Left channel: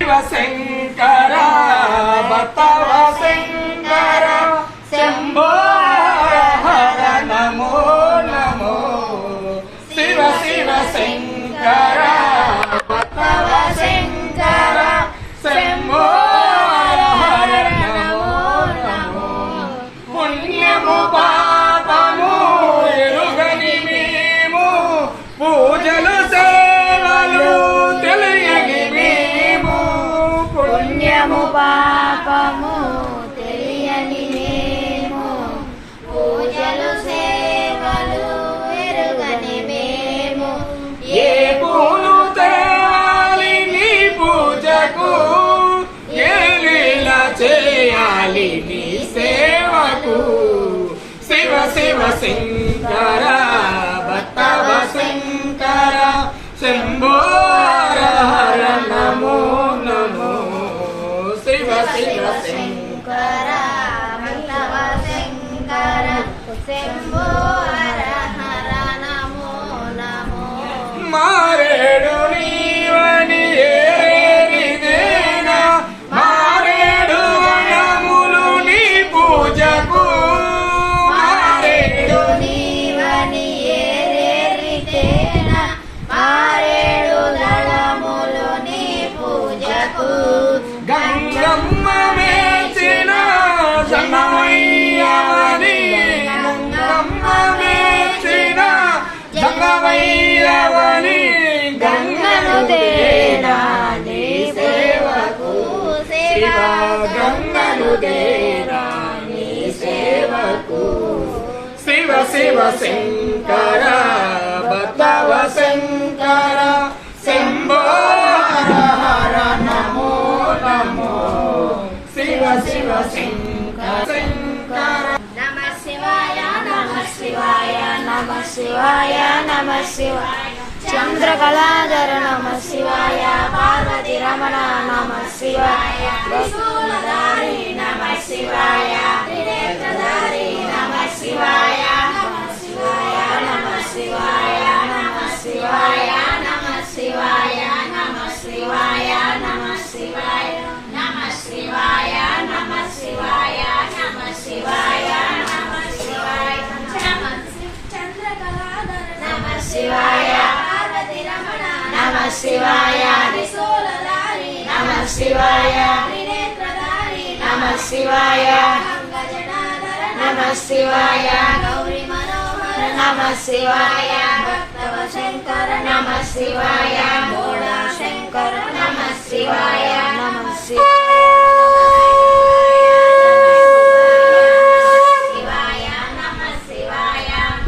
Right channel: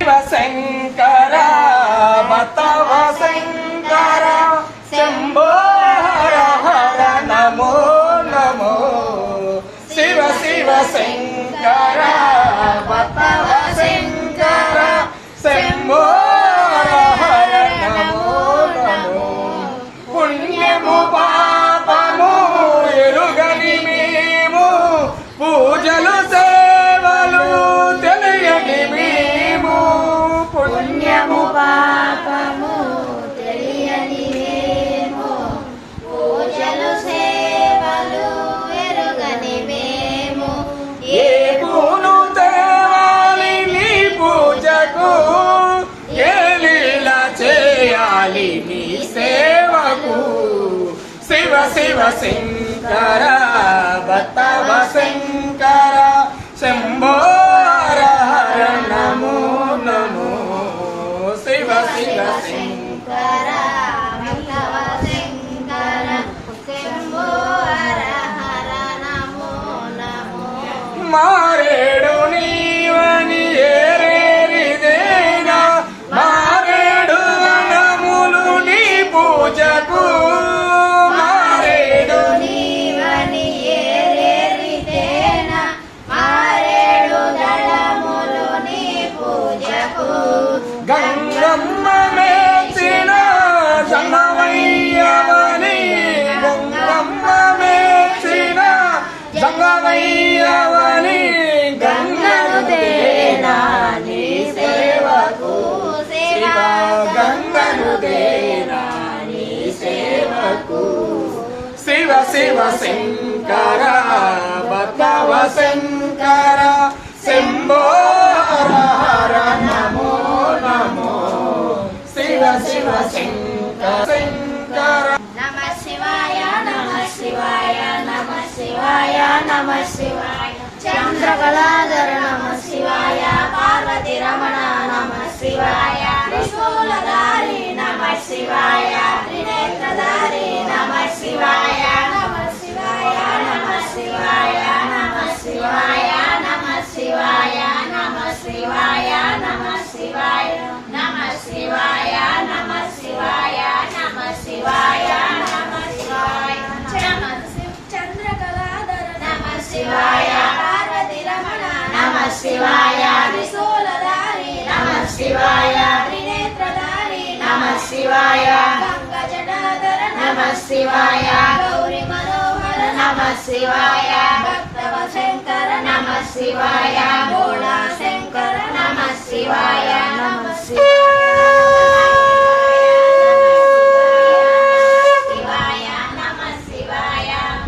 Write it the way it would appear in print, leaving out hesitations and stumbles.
శంకర బతవ శంకర శంభో హర హర నమో నమో శివ శివ శంకర బతవ శంకర శంభో హర హర నమో నమో పుణ్యము పాపము ఎరుగని మేము పూజలు సేవలు తెలియని మేము పుణ్యము పాపము తెలియని మేము పూజలు సేవలు ఎరుగని మేము ఏ పూలు తేవాలి నీ పూజకు ఏ లీల చేయాలి నీ సేవకు శివ శివ శంకర బతవ శంకర శంభో హర హర నమో నమో శివ శివ శంకర బతవ శంకర శంభో హర హర నమో నమో మారేడు నీవని ఏరేరిదేనా మారేడు వనములు నీ పూజకు మారేడు నీవని ఏరేరిదేనా మారేడు దళములు నీ పూజకు గంగమ్మ మేచిన జంగమయ్యవని గంగమ్మ మేచిన జంగమయ్యవని గంగను దేనా నీ సేవకు శివ గంగను దేనా నీ సేవకు శివ శివ శంకర బతవ శంకర శంభో హర హర నమో నమో శివ శివ శంకర శంకర నమ శివాయ నమ శివాయ నమ శివాయ నమ శివాయ చంద్రకళాధర నమ శివాయ పార్వతి రమణ నమ శివాయ త్రిశూలధారి నమ శివాయ త్రినేత్రధారి నమ శివాయ నమ శివాయ నమ శివాయ నమ శివాయ నమ శివాయ నమ శివాయ నమ శివాయ నమ శివాయ నమ శివాయ నమ శివాయ నమ శివాయ చంద్రకళాధర నమ శివాయ పార్వతి రమణ నమ శివాయ త్రిశూలధారి నమ శివాయ త్రినేత్రధారి నమ శివాయ గంగజటాధర నమ శివాయ గౌరీ మనోహర నమ శివాయ భక్తవ శంకర నమ శివాయ భోళా శంకర